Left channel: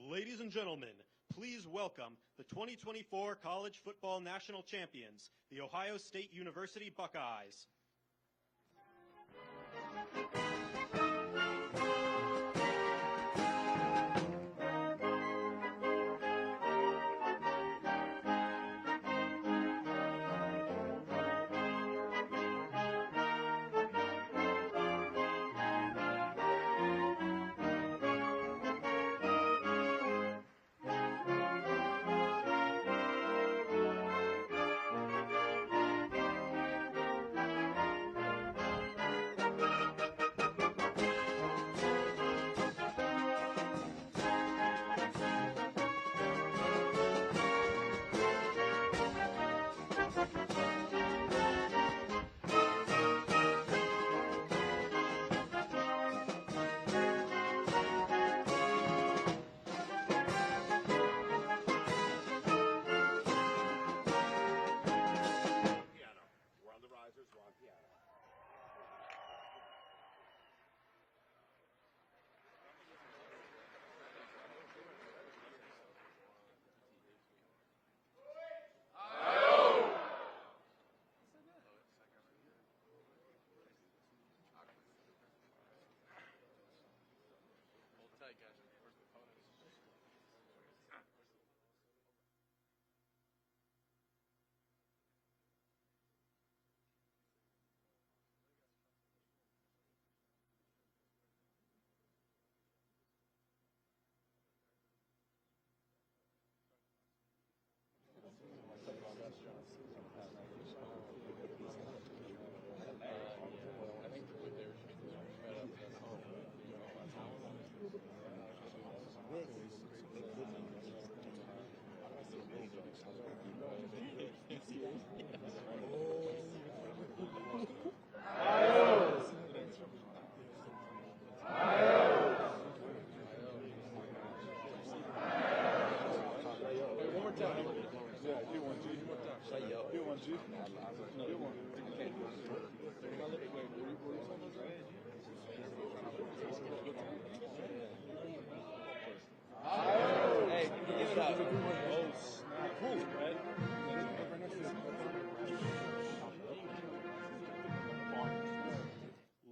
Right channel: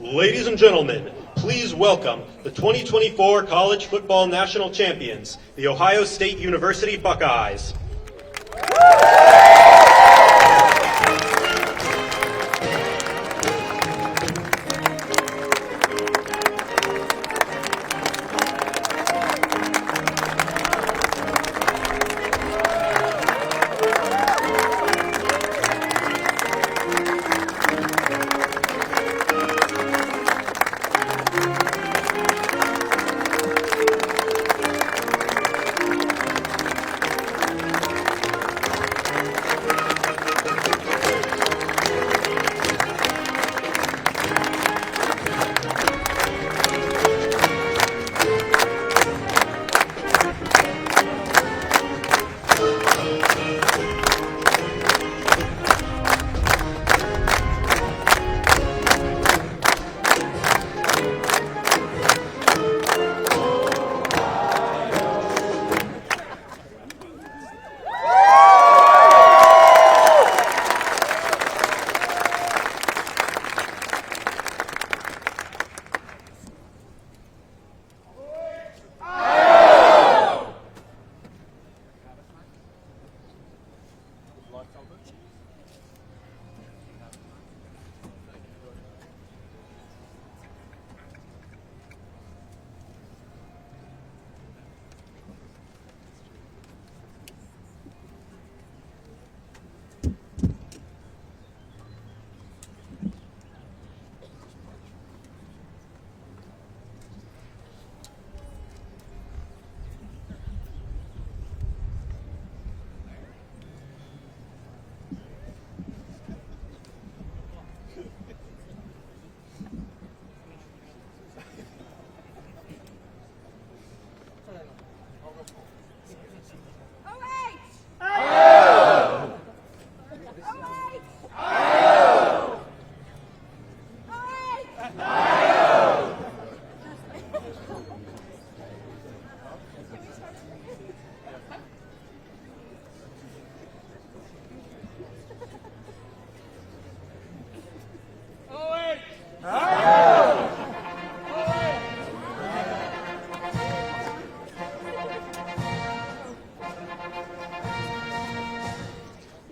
Ladies and gentlemen, please welcome the 2024 College Football National Champions, the Ohio State University Buckeyes.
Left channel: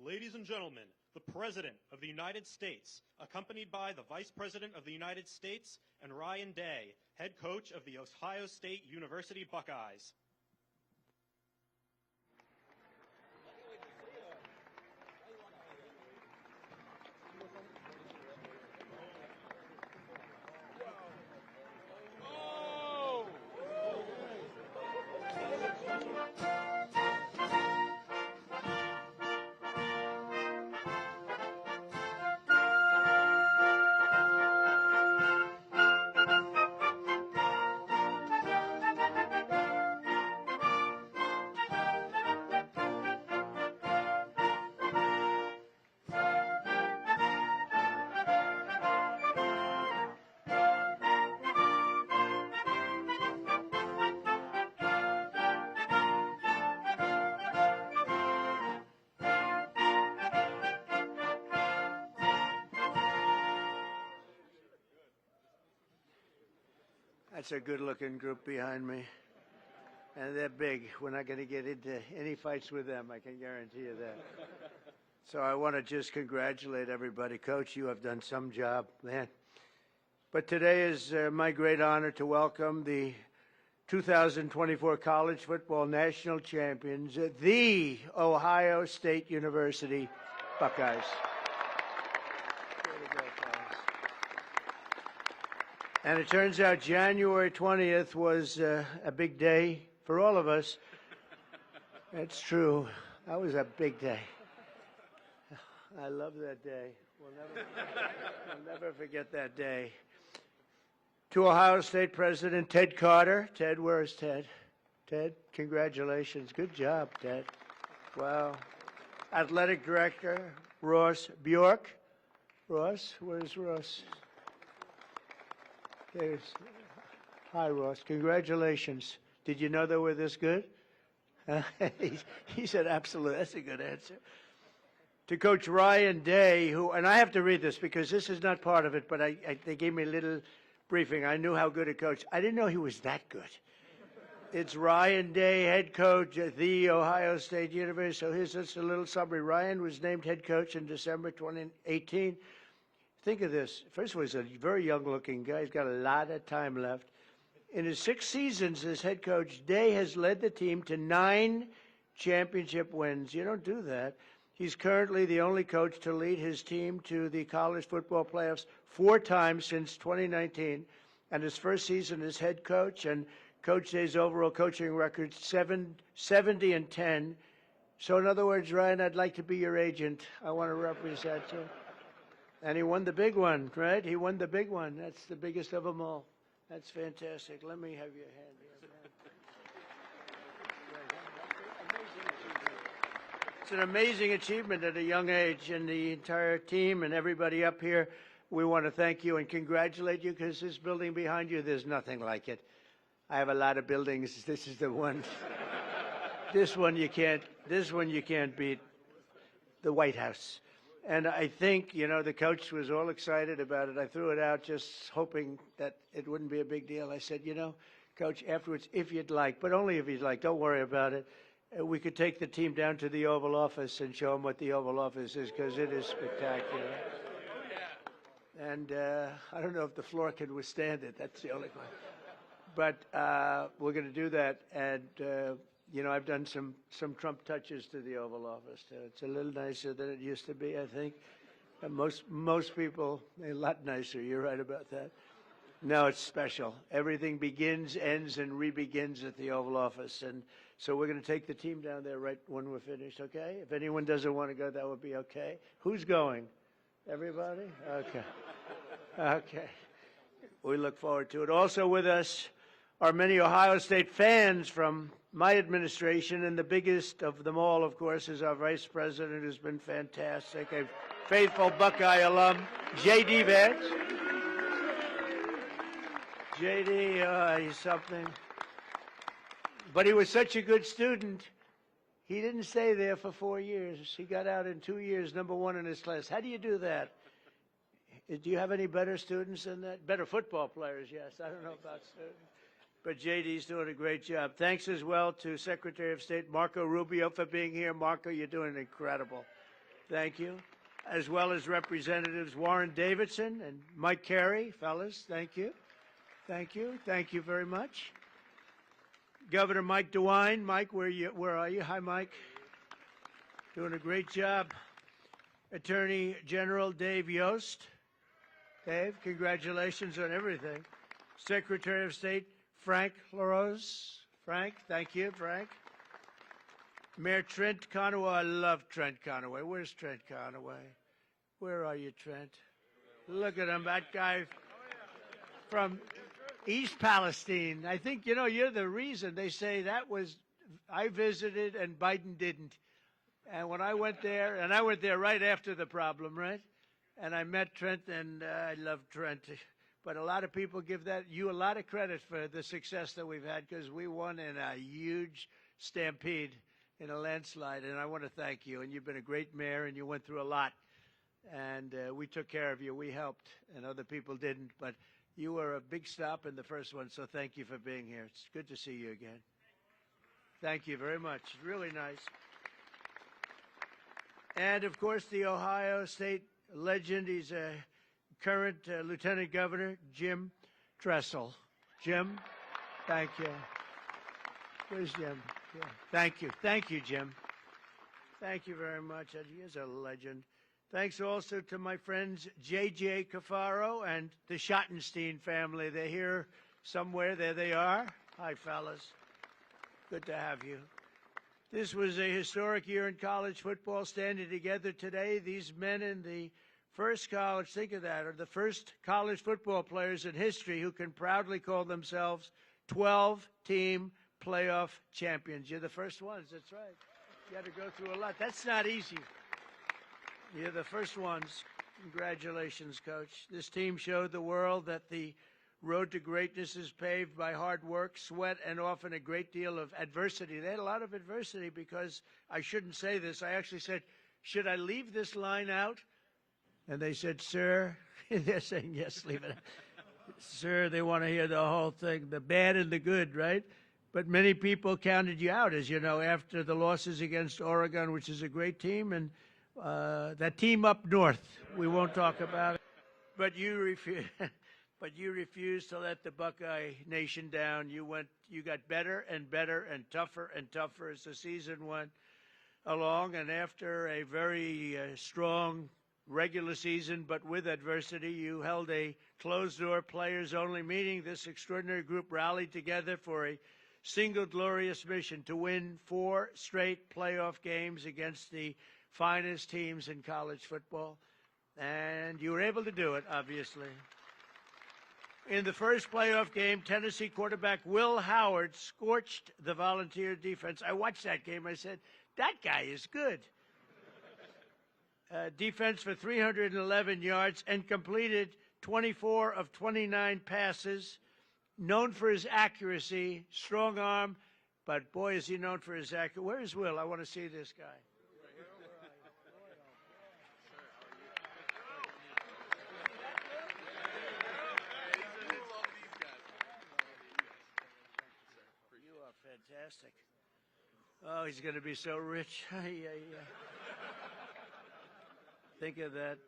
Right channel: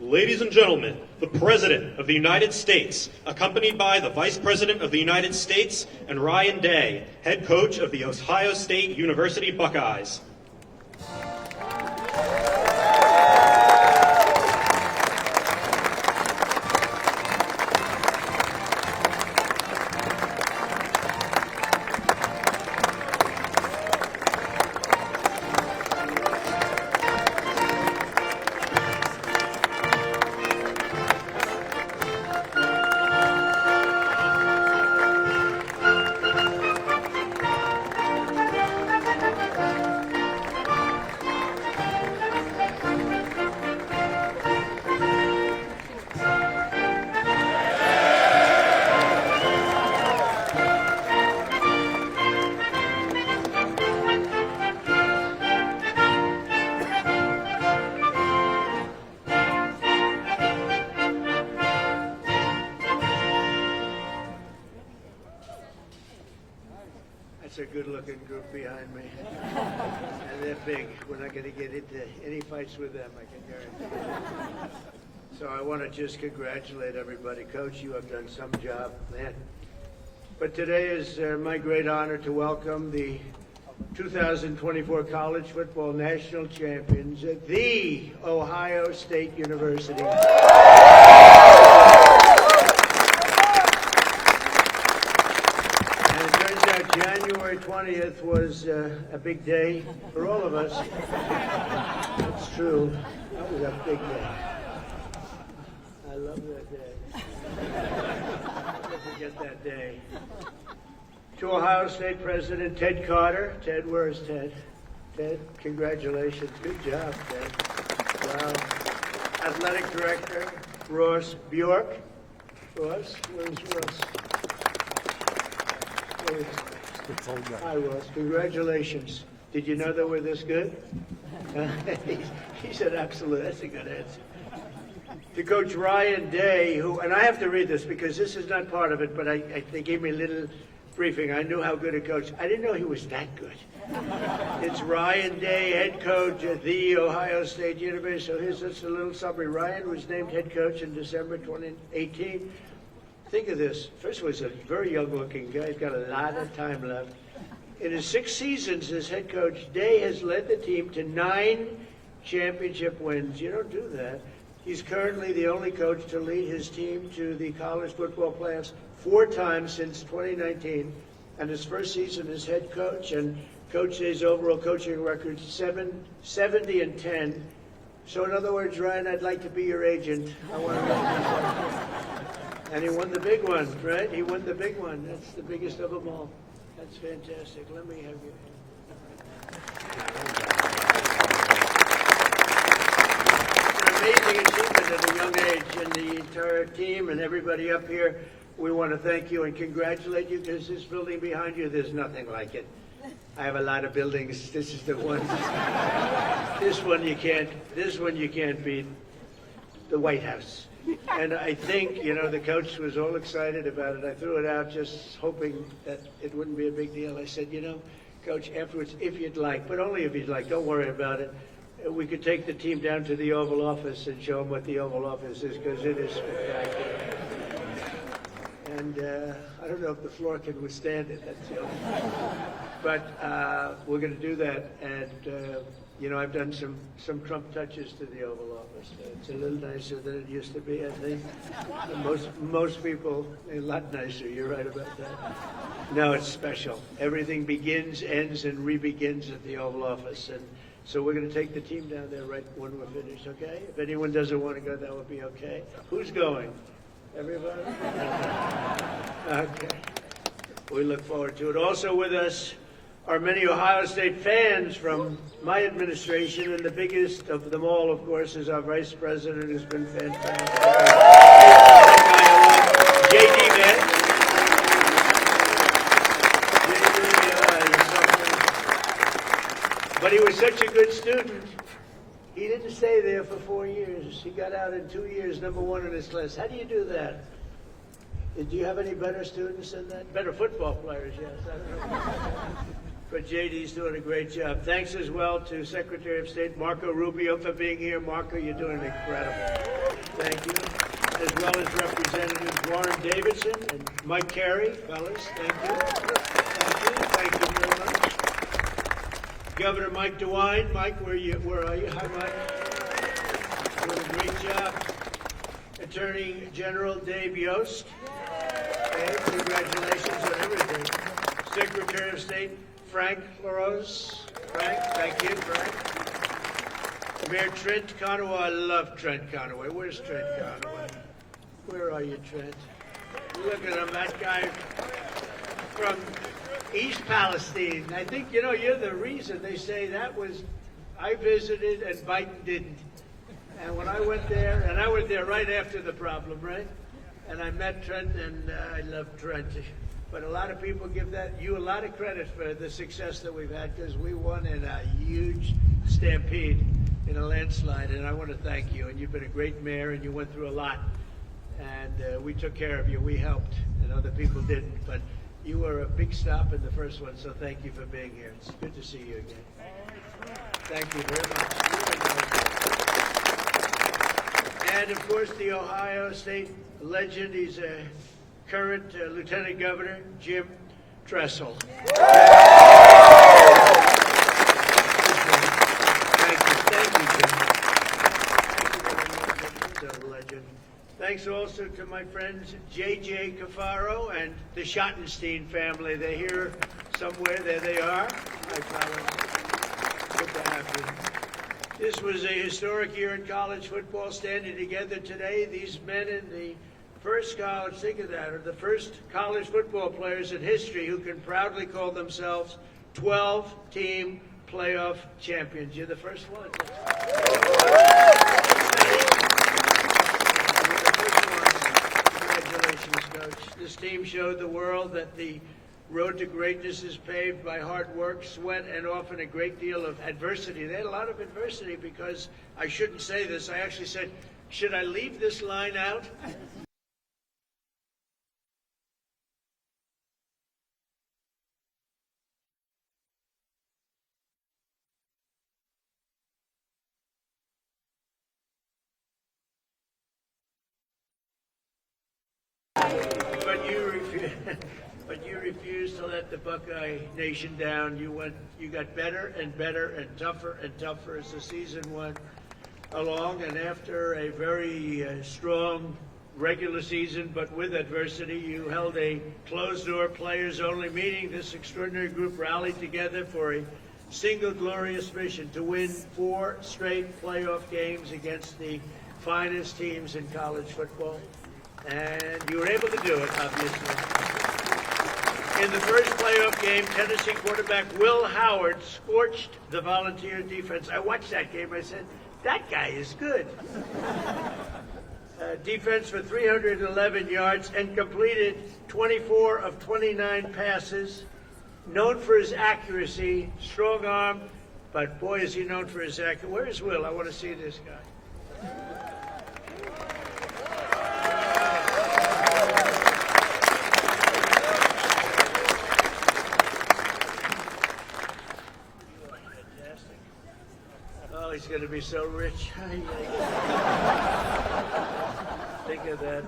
Ladies and gentlemen, the President of the United States, accompanied by the Vice President of the United States and Ryan Day, head coach of the Ohio State University Buckeyes. That's a good-looking group behind me. And they're big. We're not going to get into any fights with them, I can guarantee you. So I want to just congratulate everybody. Coach, you have done some job, man. But today is my great honor to welcome the 2024 College Football National Champions, the Ohio State University. January 20th was a big day for all of us. It's true. It was a big day. I love that day. Never forget that day. To Ohio State President Ted Carter. Ted, where's Ted? Ted, congratulations. Good job, Ted. Athletic Director Ross Bjork. Ross, where's Ross? Congratulations. Did you know that we're this good? He said absolutely. That's a good answer. to Coach Ryan Day, who, and I have to read this because this is not part of it, but they gave me a little briefing. I knew how good a coach. I didn't know he was that good. It's Ryan Day, head coach at the Ohio State University. So here's just a little summary. Ryan was named head coach in December 2018. Think of this. First of all, he's a very young-looking guy. He's got a lot of time left. In his 6 seasons as head coach, Day has led the team to 9 championship wins. You don't do that. He's currently the only coach to lead his team to the college football playoffs 4 times since 2019. And his first season as head coach, and Coach Day's overall coaching record 70-10. So in other words, Ryan, I'd like to be your agent. And he won the big one, right? He won the big one. That's the biggest of them all. That's fantastic. Let me have you. You're an amazing achievement at a young age, and the entire team and everybody up here, we want to thank you and congratulate you. This is building behind you. There's nothing like it. I have a lot of buildings. This is the one. This one you can't beat. The White House. And I think, the coach was all excited about it. I threw it out just hoping that it wouldn't be a big deal. I said, Coach, afterwards, if you'd like, but only if you'd like, don't worry about it. We could take the team down to the Oval Office and show them what the Oval Office is, because it is spectacular. And I don't know if the floor can withstand it, that's all. But we're going to do that. And, I've done some Trump touches to the Oval Office. It's a little nicer than it used to be, I think. Most people, a lot nicer. You're right about that. No, it's special. Everything begins, ends, and re-begins at the Oval Office. And so we're going to take the team down there right when we're finished, okay? If anyone doesn't want to go, that would be okay. Who's going? Everybody? Okay. We look forward to it. Also with us are many Ohio State fans from my administration, and the biggest of them all, of course, is our Vice President, who's been fantastic. J.D. Vance. But he was such a good student. He didn't stay there for 4 years. He got out in 2 years, #1 in his class. How do you do that? Did you have any better students than that? Better football players, yes. But J.D.'s doing a great job. Thanks as well to Secretary of State Marco Rubio for being here. Marco, you're doing incredible. Thank you. And as well as Representatives Warren Davidson and Mike Carey. Fellas, thank you. Thank you very much. Governor Mike DeWine. Mike, where are you? Hi, Mike. Doing a great job. Attorney General Dave Yost. Okay, congratulations on everything. Secretary of State Frank LaRose. Frank, thank you, Frank. Mayor Trent Conaway. I love Trent Conaway. Where's Trent Conaway? Where are you, Trent? Look at him, that guy from East Palestine. I think, you're the reason they say that was, I visited and Biden didn't. And when I went there, and I went there right after the problem, right? And I met Trent, and I love Trent. But a lot of people give you a lot of credit for the success that we've had, because we won in a huge stampede in a landslide, and I want to thank you. And you've been a great mayor, and you went through a lot. And we took care of you. We helped, and other people didn't. But you were a big stop in the first one, so thank you for being here. It's good to see you again. Thank you very much. And, of course, the Ohio State legend. He's a current Lieutenant Governor, Jim Tressel. Thank you, Jim. Thanks also to my friends J.J. Cafaro and the Schottenstein family. They're here somewhere. There they are. Hi, Colin. Good to have you. This was a historic year in college football, standing together today. These men in the first college, think of that, are the first college football players in history who can proudly call themselves 12-team playoff champions. You're the first one. Congratulations, Coach. This team showed the world that the road to greatness is paved by hard work, sweat, and often a great deal of adversity. They had a lot of adversity because, I shouldn't say this, I actually said, should I leave this line out? And they said, sir, they're saying, yes, leave it out. Sir, they want to hear the whole thing, the bad and the good, right? But many people counted you out, as you know, after the losses against Oregon, which is a great team, and that team up north. We won't talk about it. But you refused to let the Buckeye Nation down. You got better and better and tougher as the season went along. And after a very strong regular season, but with adversity, you held a closed-door players-only meeting. This extraordinary group rallied together for a single glorious mission to win 4 straight playoff games against the finest teams in college football. And you were able to do it, obviously. In the first playoff game, Tennessee quarterback Will Howard scorched the Volunteer defense. I watched that game and I said, that guy is good. Defense for 311 yards and completed 24 of 29 passes. Known for his accuracy, strong arm, but boy, is he known for his accuracy. Where's Will? I want to see this guy. Oh, he's going to be so rich. Think of that.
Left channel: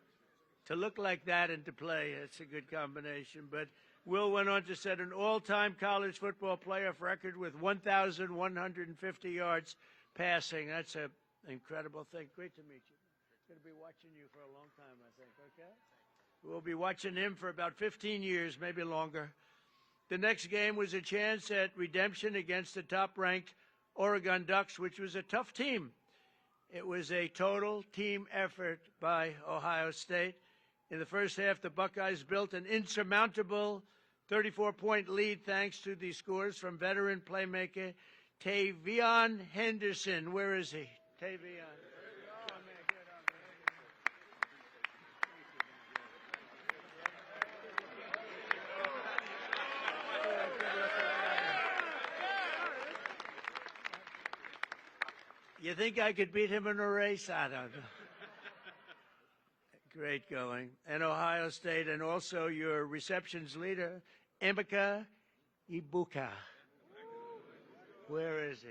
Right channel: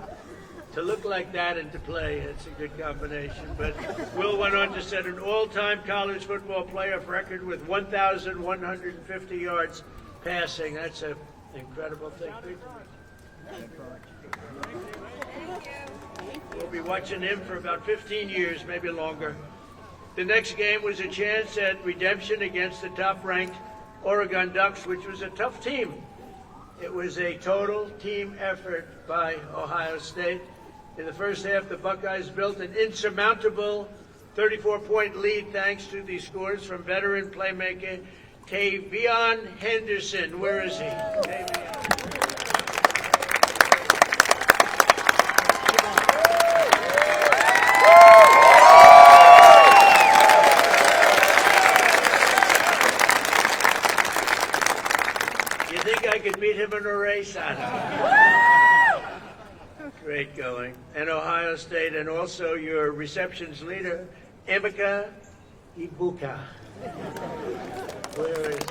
To look like that and to play, that's a good combination. But Will went on to set an all-time college football playoff record with 1,150 yards passing. That's an incredible thing. We'll be watching him for about 15 years, maybe longer. The next game was a chance at redemption against the top-ranked Oregon Ducks, which was a tough team. It was a total team effort by Ohio State. In the first half, the Buckeyes built an insurmountable 34-point lead thanks to the scores from veteran playmaker Tavion Henderson. Where is he? You think I could beat him in a race? I don't know. Great going. And Ohio State, and also your receptions leader, Emeka Ibuka. Where is he?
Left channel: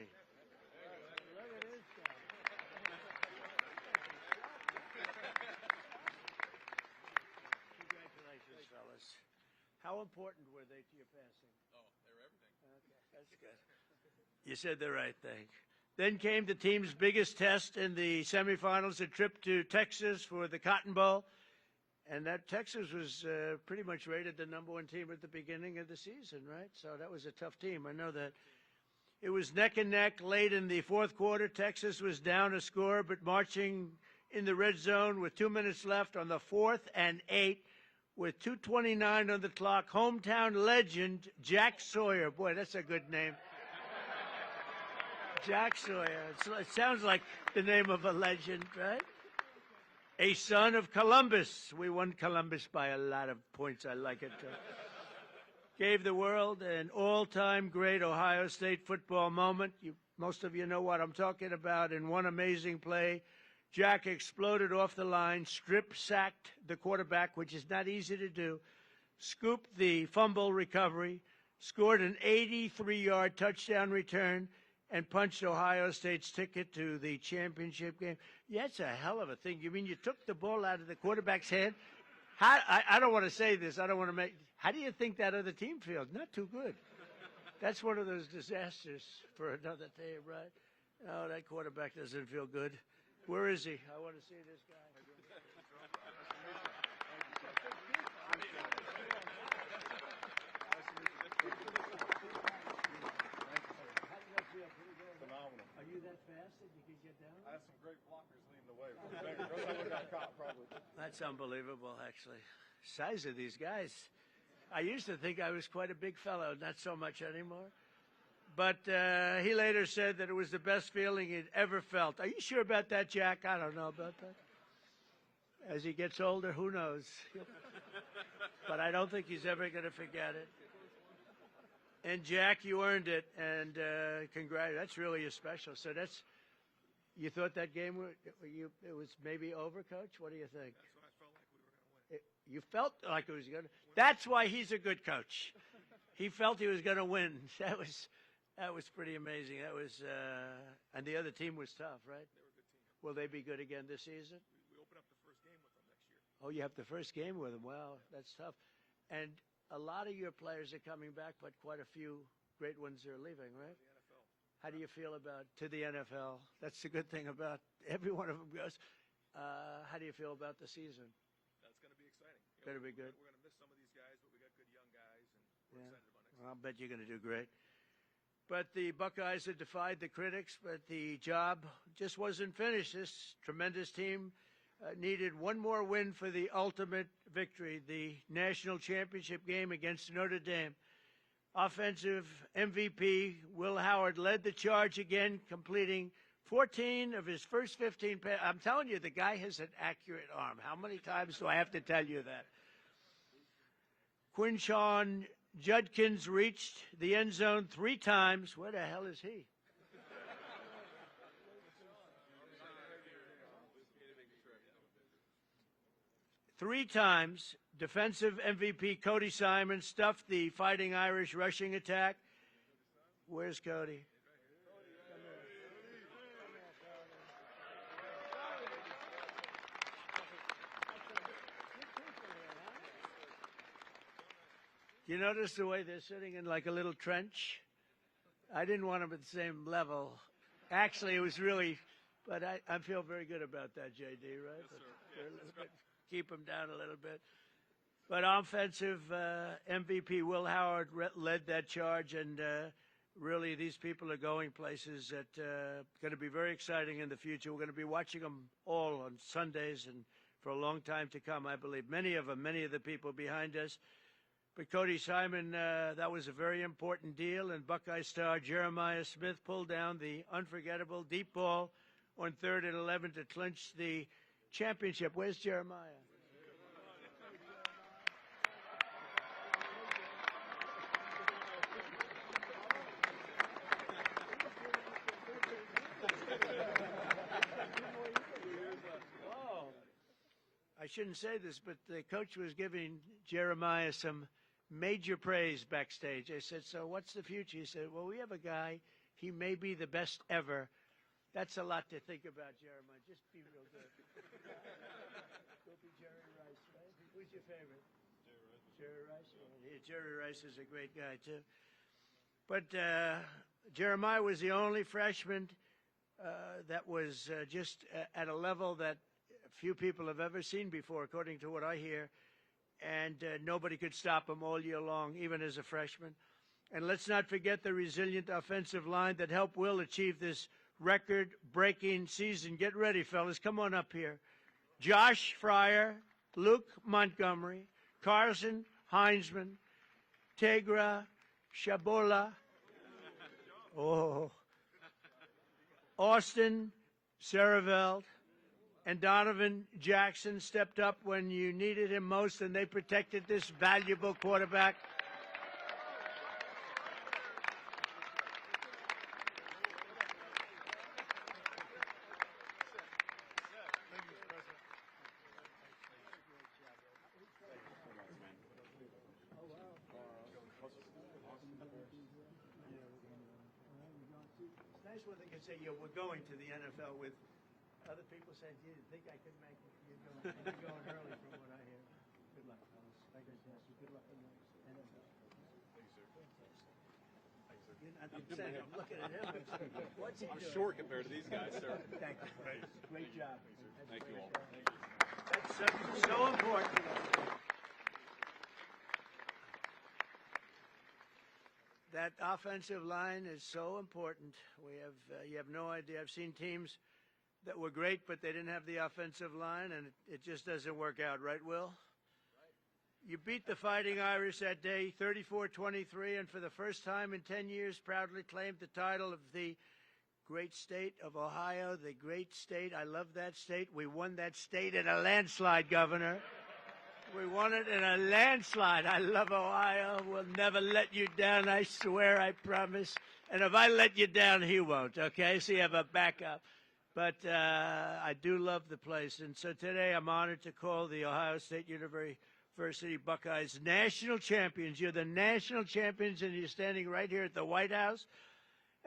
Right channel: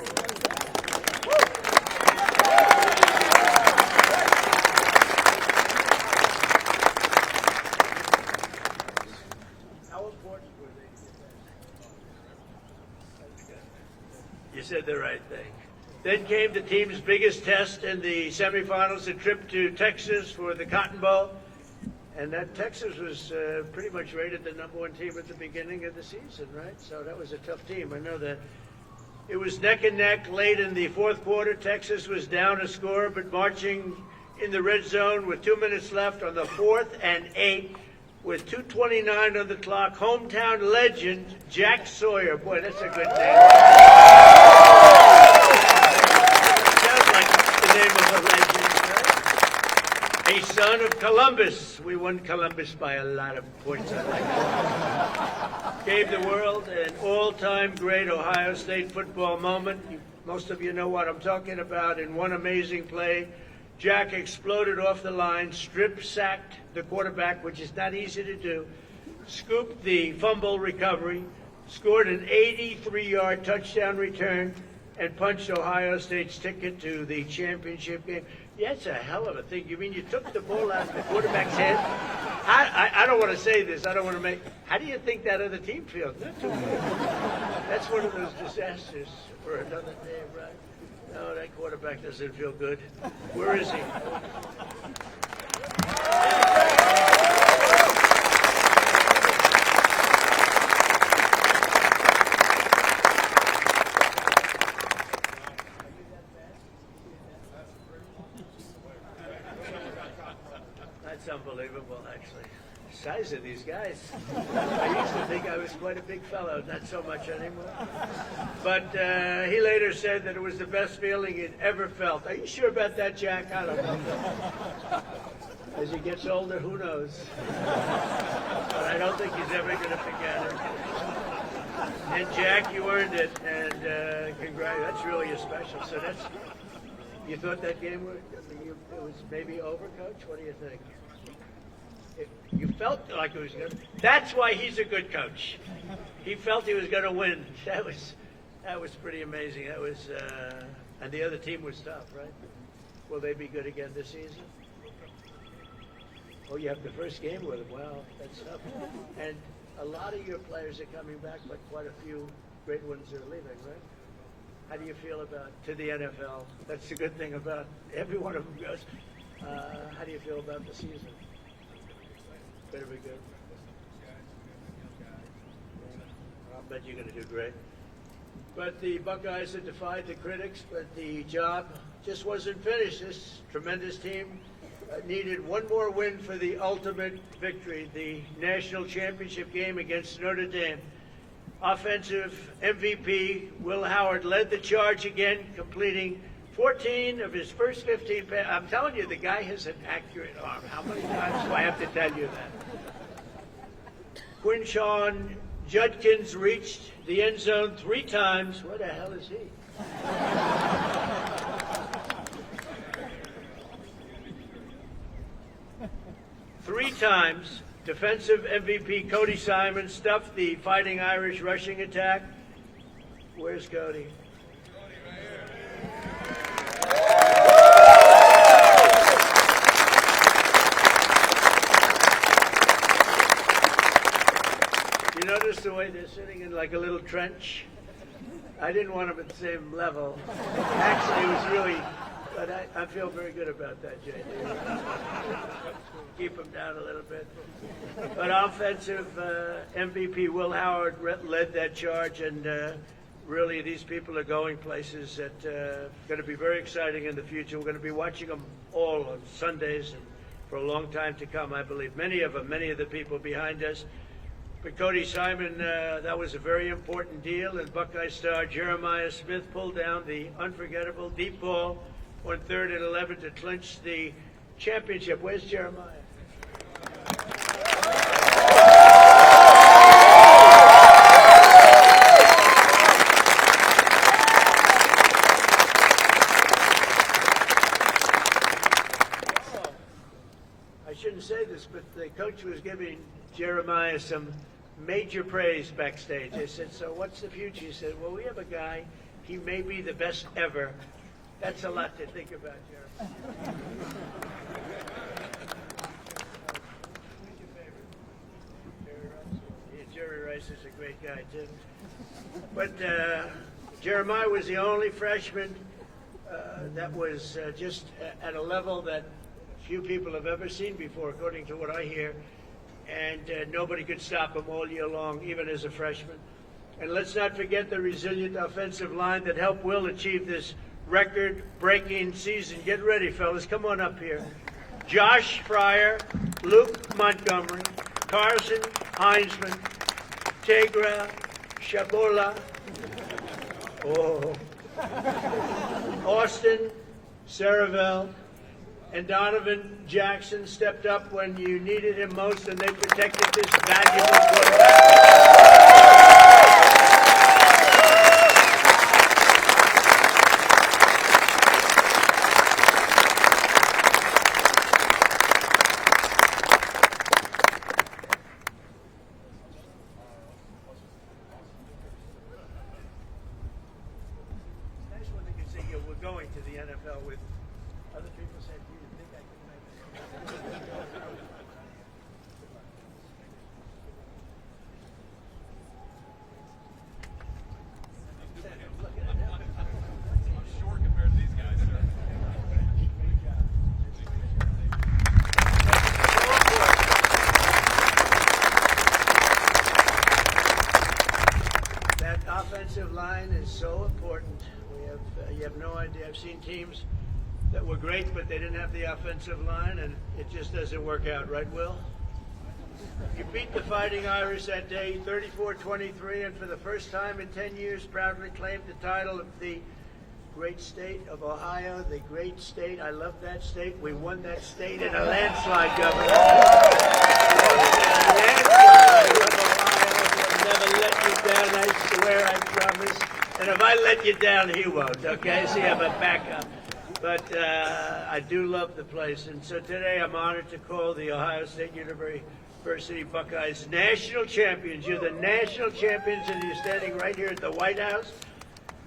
You said the right thing. Then came the team's biggest test in the semifinals, a trip to Texas for the Cotton Bowl. And that Texas was pretty much rated the #1 team at the beginning of the season, right? So that was a tough team. I know that. It was neck and neck late in the fourth quarter. Texas was down a score, but marching in the red zone with 2 minutes left on the 4th and 8 with 2:29 on the clock. Hometown legend Jack Sawyer. Boy, that's a good name. Sounds like the name of a legend, right? A son of Columbus. We won Columbus by a lot of points. Gave the world an all-time great Ohio State football moment. Most of you know what I'm talking about. In one amazing play, Jack exploded off the line, strip-sacked the quarterback, which is not easy to do, scooped the fumble recovery, scored an 83-yard touchdown return, and punched Ohio State's ticket to the championship game. Yeah, it's a hell of a thing. You mean you took the ball out of the quarterback's head? I don't want to say this. I don't want to make... How do you think that other team feels? That's one of those disasters for another day, right? Oh, that quarterback doesn't feel good. Where is he? Size of these guys. I used to think I was quite a big fellow, not so much anymore. But he later said that it was the best feeling he'd ever felt. Are you sure about that, Jack? I don't know. As he gets older, who knows? But I don't think he's ever going to forget it. And Jack, you earned it, and congrats. That's really a special. So You thought that game was maybe over, Coach? What do you think? You felt like it was good. That's why he's a good coach. He felt he was going to win. That was pretty amazing. That was, and the other team was tough, right? Will they be good again this season? Well, you have the first game with them. Wow, that's tough. And a lot of your players are coming back, but quite a few great ones are leaving, right? How do you feel about to the NFL? That's the good thing about every one of them goes. How do you feel about the season? Better be good. I'll bet you're going to do great. But the Buckeyes have defied the critics, but the job just wasn't finished. This tremendous team needed one more win for the ultimate victory, the national championship game against Notre Dame. Offensive MVP Will Howard led the charge again, completing 14 of his first 15 passes. I'm telling you, the guy has an accurate arm. How many times do I have to tell you that? Quinshawn Judkins reached the end zone 3 times. Where the hell is he? 3 times, defensive MVP Cody Simon stuffed the Fighting Irish rushing attack. Where's Cody? You notice the way they're sitting in like a little trench? I didn't want them at the same level. Actually, it was really, but I feel very good about that, JD. Keep them down a little bit. But offensive MVP Will Howard led that charge, and really these people are going places that are going to be very exciting in the future. We're going to be watching them all on Sundays for a long time to come, I believe. Many of the people behind us. For Cody Simon, that was a very important deal, and Buckeye star Jeremiah Smith pulled down the unforgettable deep ball on 3rd and 11 to clinch the championship. Where's Jeremiah? I shouldn't say this, but the coach was giving Jeremiah some major praise backstage. I said, so what's the future? He said, well, we have a guy, he may be the best ever. That's a lot to think about, Jeremiah. Jerry Rice is a great guy, too. But Jeremiah was the only freshman that was just at a level that few people have ever seen before, according to what I hear. And nobody could stop him all year long, even as a freshman. And let's not forget the resilient offensive line that helped Will achieve this record-breaking season. Get ready, fellas. Come on up here. Josh Fryer, Luke Montgomery, Carson Heinzman, Tegra Shabula, Austin Saravel, and Donovan Jackson stepped up when you needed him most, and they protected this valuable quarterback. We're going to the NFL with other people said, "Do you think I can?" That offensive line is so important. You have no idea. I've seen teams that were great, but they didn't have the offensive line, and it just doesn't work out, right, Will? You beat the Fighting Irish that day, 34-23, and for the first time in 10 years, proudly claimed the title of the great state of Ohio, the great state. I love that state. We won that state in a landslide, Governor. Never let you down. I swear, I promise. And if I let you down, he won't, okay? See, I'm a backup. But but I do love the place. And so today I'm honored to call the Ohio State University Buckeyes national champions. You're the national champions, and you're standing right here at the White House.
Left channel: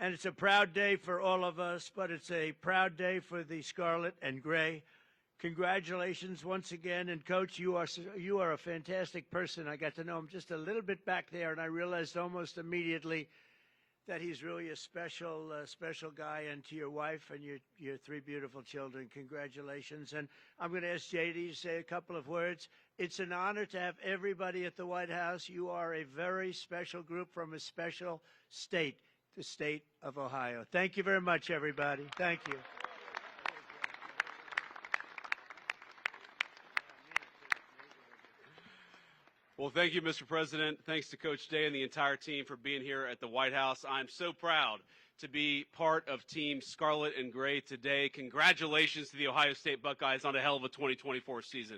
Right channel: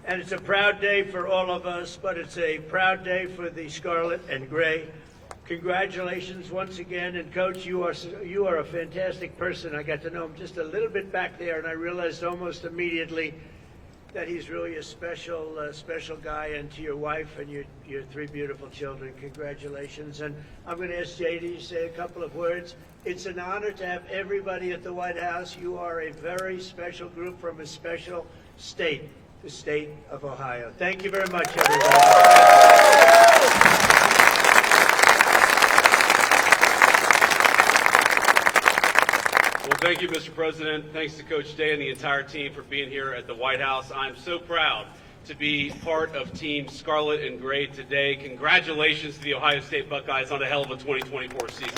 And it's a proud day for all of us, but it's a proud day for the Scarlet and Gray. Congratulations once again, and Coach, you are a fantastic person. I got to know him just a little bit back there, and I realized almost immediately that he's really a special guy. And to your wife and your three beautiful children, congratulations. And I'm going to ask JD to say a couple of words. It's an honor to have everybody at the White House. You are a very special group from a special state, the state of Ohio. Thank you very much, everybody. Thank you, Mr. President. Thanks to Coach Day and the entire team for being here at the White House. I'm so proud to be part of Team Scarlet and Gray today. Congratulations to the Ohio State Buckeyes on a hell of a 2024 season.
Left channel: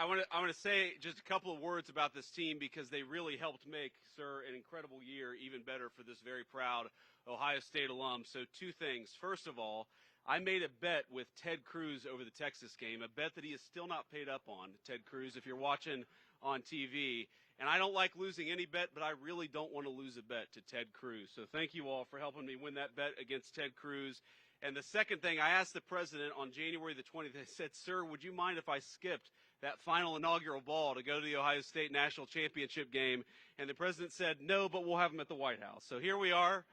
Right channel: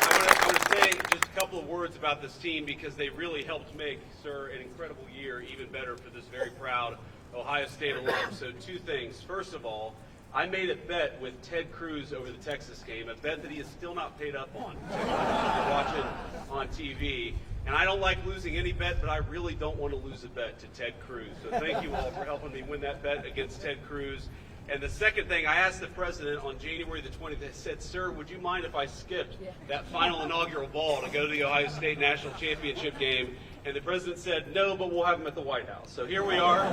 I want to say just a couple of words about this team because they really helped make, sir, an incredible year even better for this very proud Ohio State alum. So two things. First of all, I made a bet with Ted Cruz over the Texas game, a bet that he is still not paid up on. You're watching on TV. And I don't like losing any bet, but I really don't want to lose a bet to Ted Cruz. So thank you all for helping me win that bet against Ted Cruz. And the second thing, I asked the president on January the 20th, I said, sir, would you mind if I skipped that final inaugural ball to go to the Ohio State National Championship game? And the president said, no, but we'll have him at the White House. So here we are,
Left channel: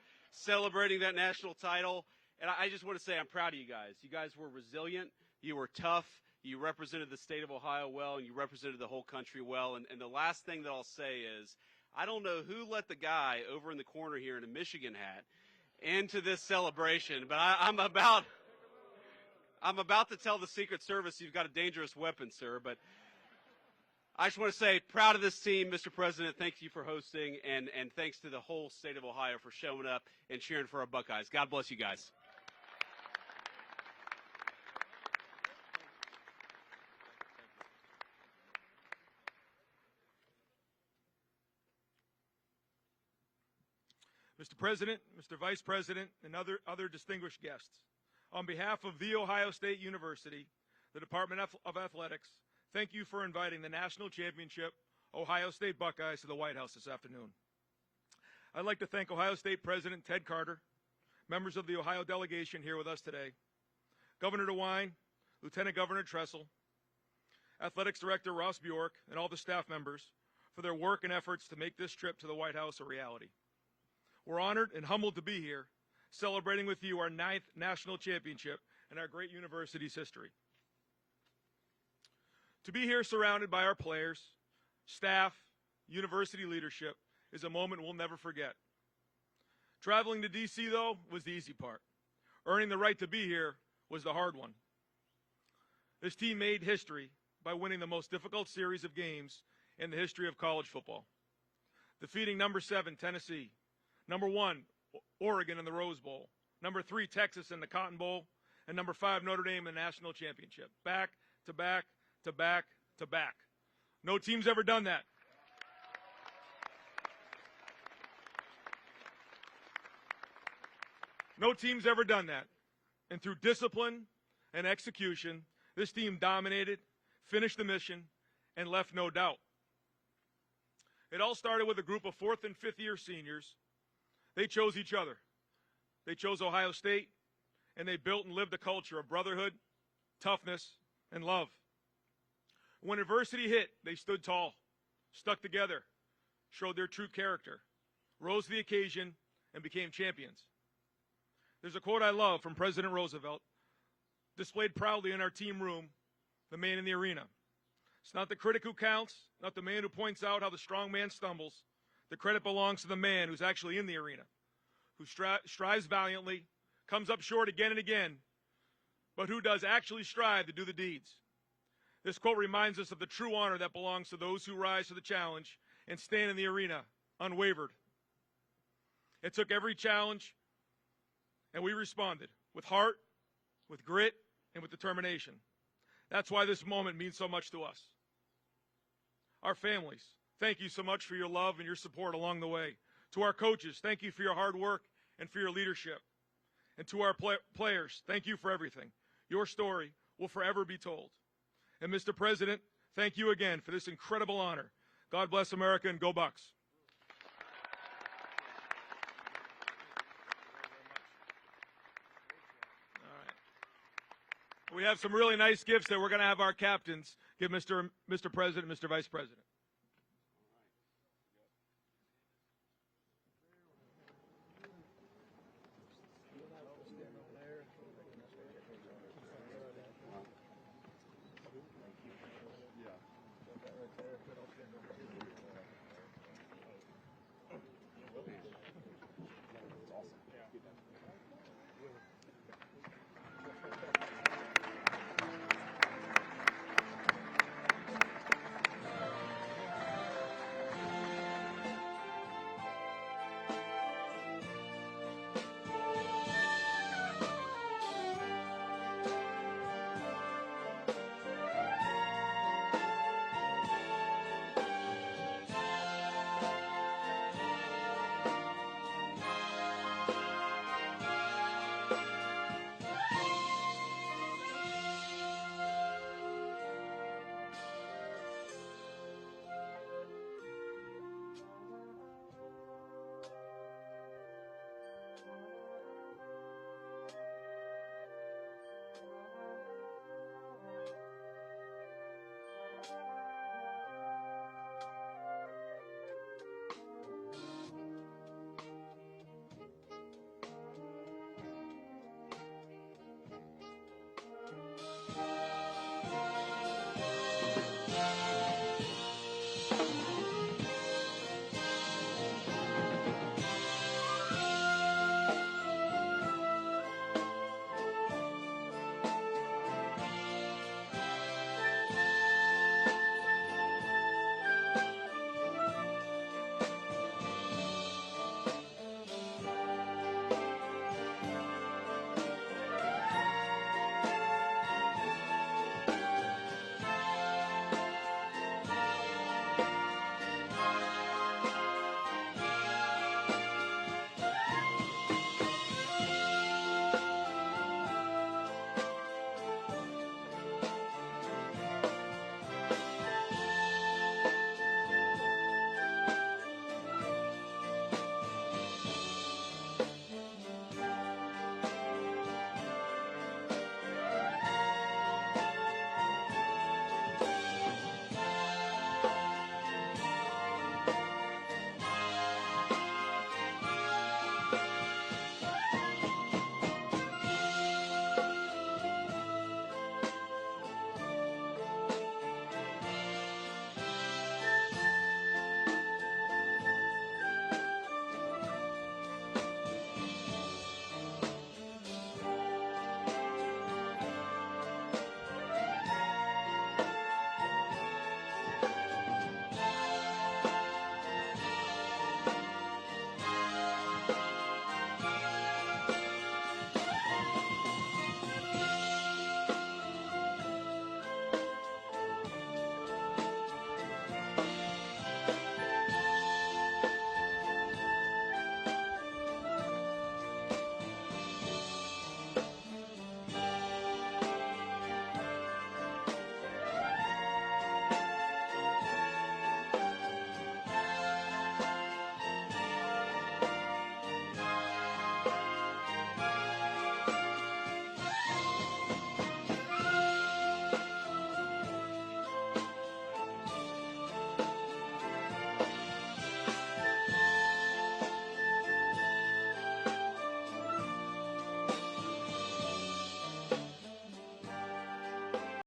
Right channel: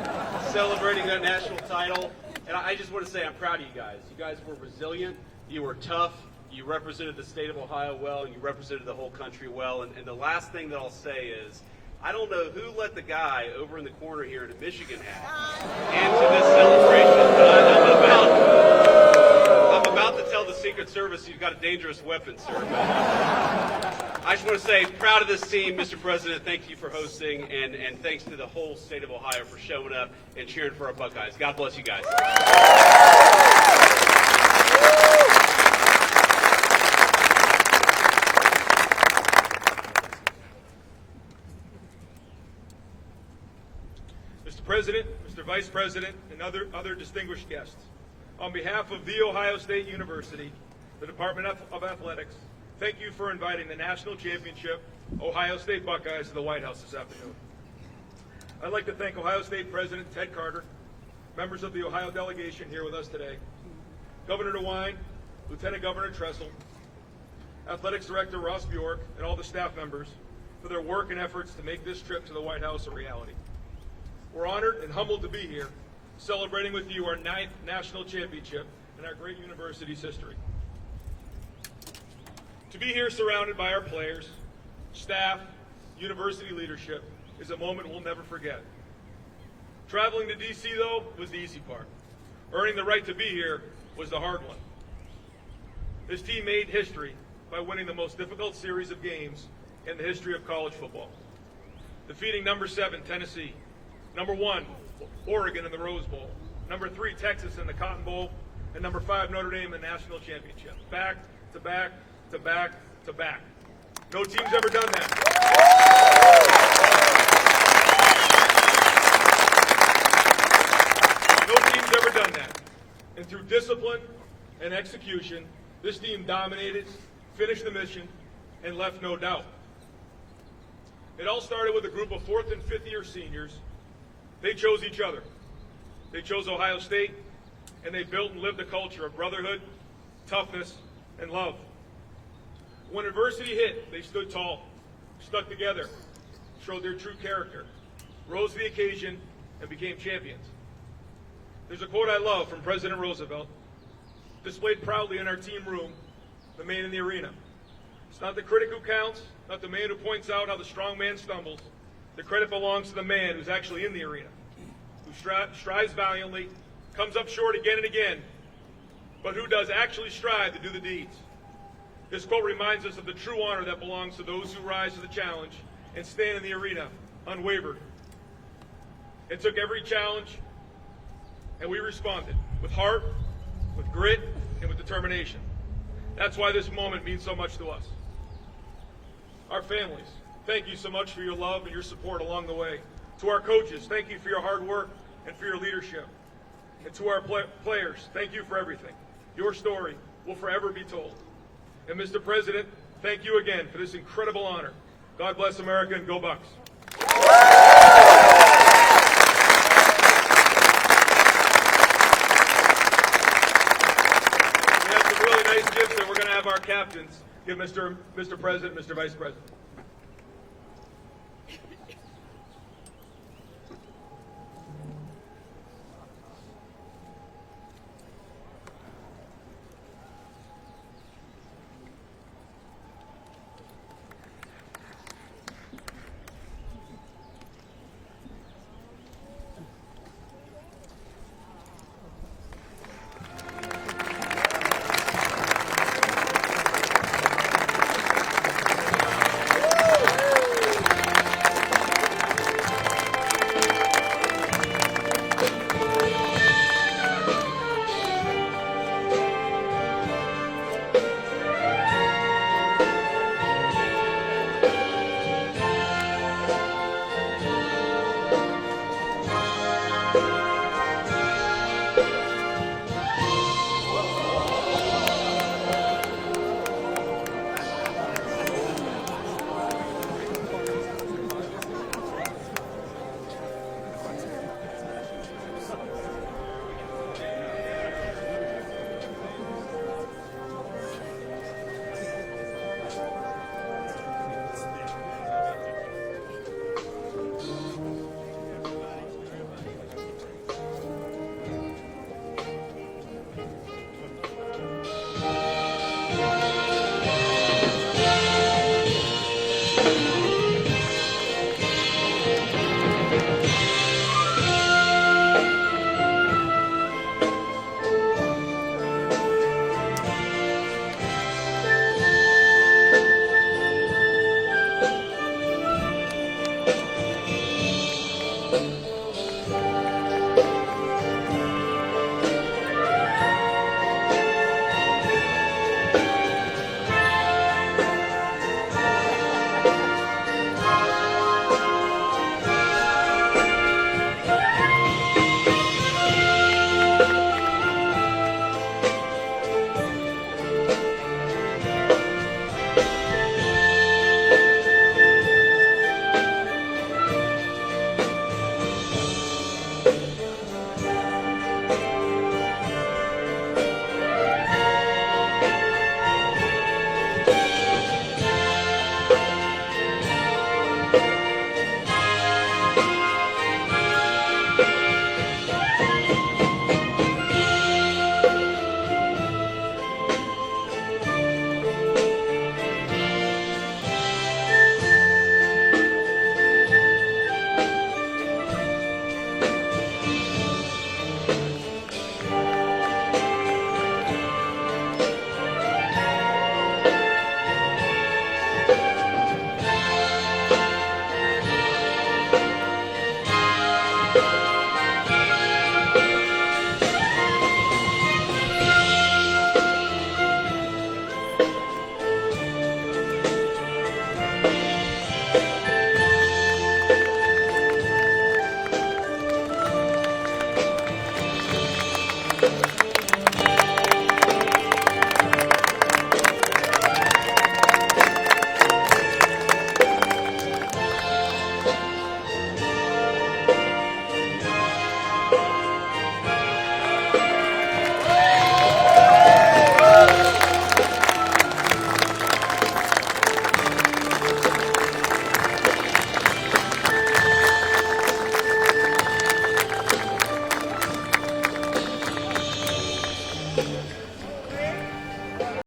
celebrating that national title. And I just want to say I'm proud of you guys. You guys were resilient. You were tough. You represented the state of Ohio well, and you represented the whole country well. And the last thing that I'll say is, I don't know who let the guy over in the corner here in a Michigan hat into this celebration. I'm about to tell the Secret Service you've got a dangerous weapon, sir. I just want to say, proud of this team, Mr. President. Thank you for hosting, and thanks to the whole state of Ohio for showing up and cheering for our Buckeyes. God bless you guys. Mr. President, Mr. Vice President, and other distinguished guests, on behalf of The Ohio State University, the Department of Athletics, thank you for inviting the National Championship Ohio State Buckeyes to the White House this afternoon. I'd like to thank Ohio State President Ted Carter, members of the Ohio delegation here with us today, Governor DeWine, Lieutenant Governor Tressel, Athletics Director Ross Bjork, and all the staff members for their work and efforts to make this trip to the White House a reality. We're honored and humbled to be here, celebrating with you our 9th national championship in our great university's history. To be here surrounded by our players, staff, university leadership is a moment we'll never forget. Traveling to D.C., though, was the easy part. Earning the right to be here was the hard one. This team made history by winning the most difficult series of games in the history of college football. Defeating number 7, Tennessee, number 1, Oregon in the Rose Bowl, number 3, Texas in the Cotton Bowl, and number 5, Notre Dame in the National Championship. Back to back to back to back. No team's ever done that. No team's ever done that. And through discipline and execution, this team dominated, finished the mission, and left no doubt. It all started with a group of 4th and 5th year seniors. They chose each other. They chose Ohio State, and they built and lived a culture of brotherhood, toughness, and love. When adversity hit, they stood tall, stuck together, showed their true character, rose to the occasion, and became champions. There's a quote I love from President Roosevelt, displayed proudly in our team room, the man in the arena. It's not the critic who counts, not the man who points out how the strong man stumbles. The credit belongs to the man who's actually in the arena, who strives valiantly, comes up short again and again, but who does actually strive to do the deeds. This quote reminds us of the true honor that belongs to those who rise to the challenge and stand in the arena unwavered. It took every challenge, and we responded with heart, with grit, and with determination. That's why this moment means so much to us. Our families, thank you so much for your love and your support along the way. To our coaches, thank you for your hard work and for your leadership. And to our players, thank you for everything. Your story will forever be told. And Mr. President, thank you again for this incredible honor. God bless America and go Bucks. That's a really nice gift that we're going to have our captains give Mr. President, Mr. Vice President.